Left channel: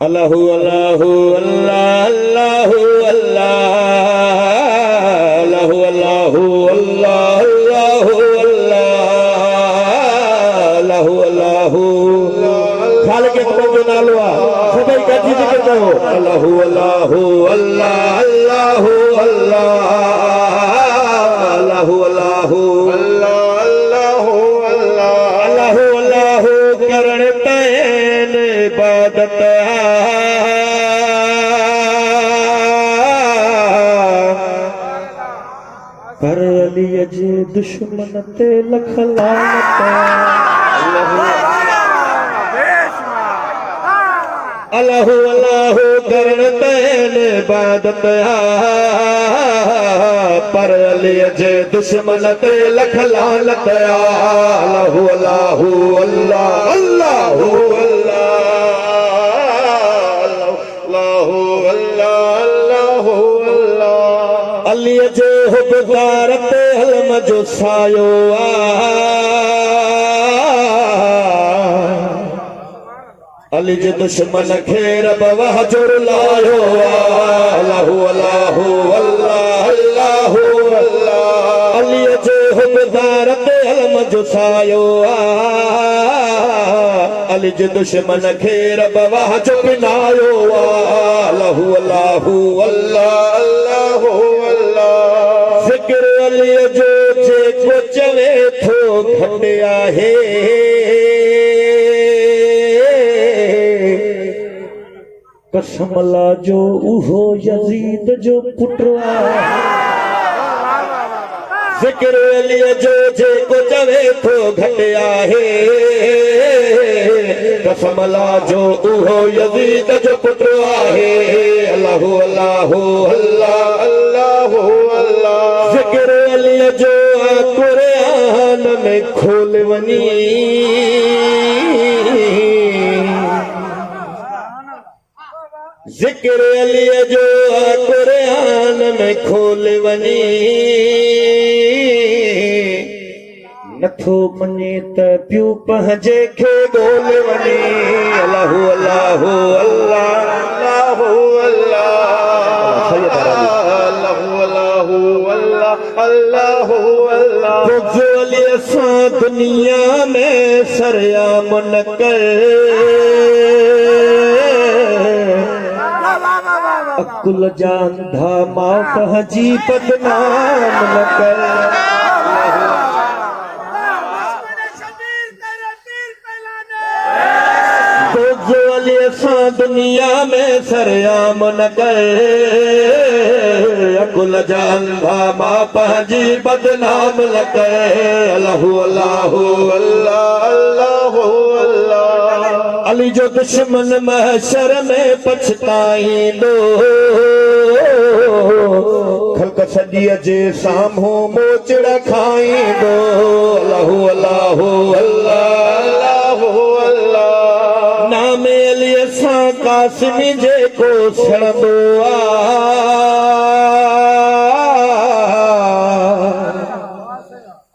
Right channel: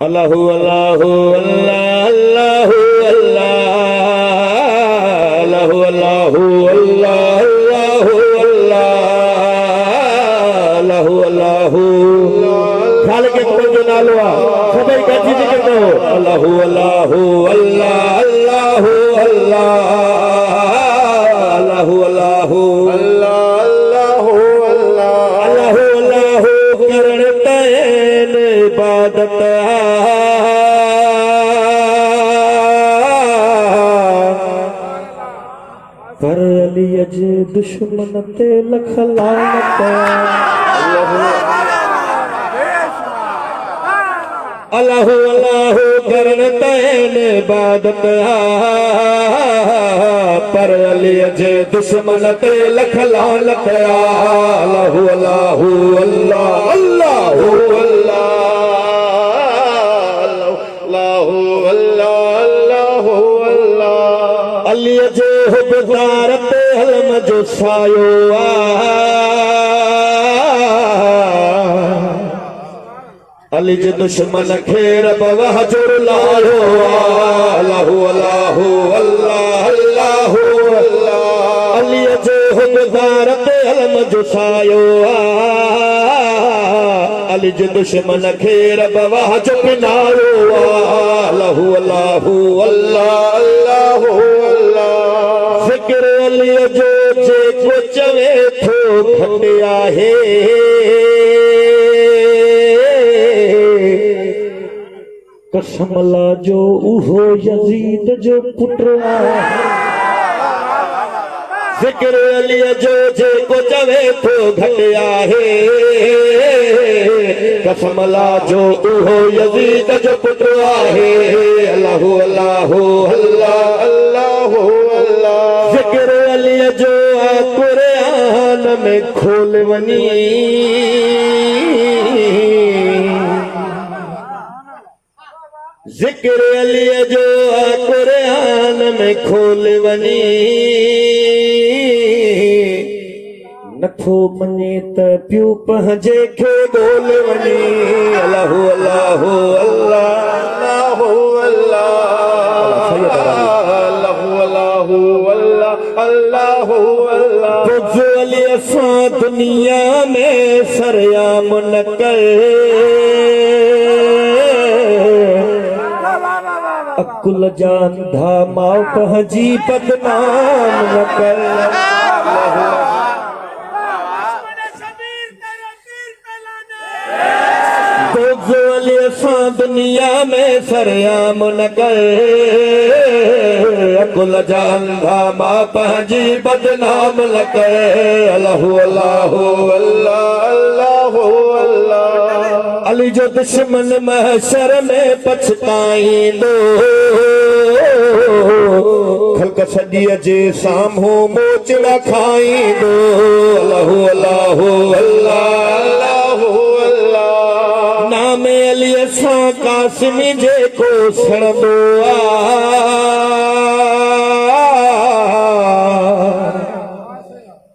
अल्लाहु अल्लाहु अल्लाह अल्लाहु अल्लाह अल्लाहु अल्लाहु अल्लाह अल्लाहु अल्लाह खाल के तो जो नालो आ सभी गठी जिक्र करो अल्लाहु अल्लाहु अल्लाह अल्लाहु अल्लाह अल्लाहु अल्लाहु अल्लाह अल्लाहु अल्लाह करण तैन इबादत कर अली जे दुश्मन ते लख लानत अल्लाहु अल्लाहु करण तैन इबादत पर अली जे दुश्मन ते लख लानत अल्लाहु अल्लाहु अल्लाह अल्लाहु अल्लाहु अल्लाहु अल्लाह अली जे हुबदार ते हलम जो सायो अली जे दुश्मन खे रब वहजुर लायो अल्लाहु अल्लाहु अल्लाह अल्लाहु अल्लाह अली जे हुबदार ते हलम जो सायो अली जे दुश्मन खे रब वहजुर किनारो अल्लाहु अल्लाहु अल्लाह अल्लाहु अल्लाह ज़िक्र अली जो जेको चवे थो घट आहे कसम ला जो उहो यजीद जो पुत्र ज़िक्र अली जो जेको चवे थो घट आहे कसम ला जो उहो यजीद जो पुत्र आहे अल्लाहु अल्लाहु अल्लाह अल्लाहु अल्लाह ज़िक्र अली जो कुरान में खोल वनी ज़िक्र अली जो कुरान में खोल वनी नथो मने त पियो पंहिंजे खे ॻोल वनी अल्लाहु अल्लाहु अल्लाह अल्लाहु अल्लाहु अल्लाहु अल्लाह अली असां दुनिया में सरयाम न कर अकुल जान धा मां पंहिंजी बदनाम न कर अली असां दुनिया में सरयाम न कर अकुल जान धा मां पंहिंजी बदनाम न कर अल्लाहु अल्लाहु अल्लाह अल्लाह अली जो दुश्मन महशर में पछताईंदो खल्क सदीअ जे साम्हूं मोचड़ा खाईंदो अल्लाहु अल्लाहु अल्लाह नाम अली सां कासिमी जेको सड़ंदो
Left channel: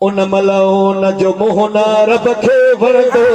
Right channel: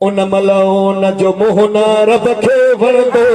उन महिल उन जो मुंहुं न रब खे वणंदो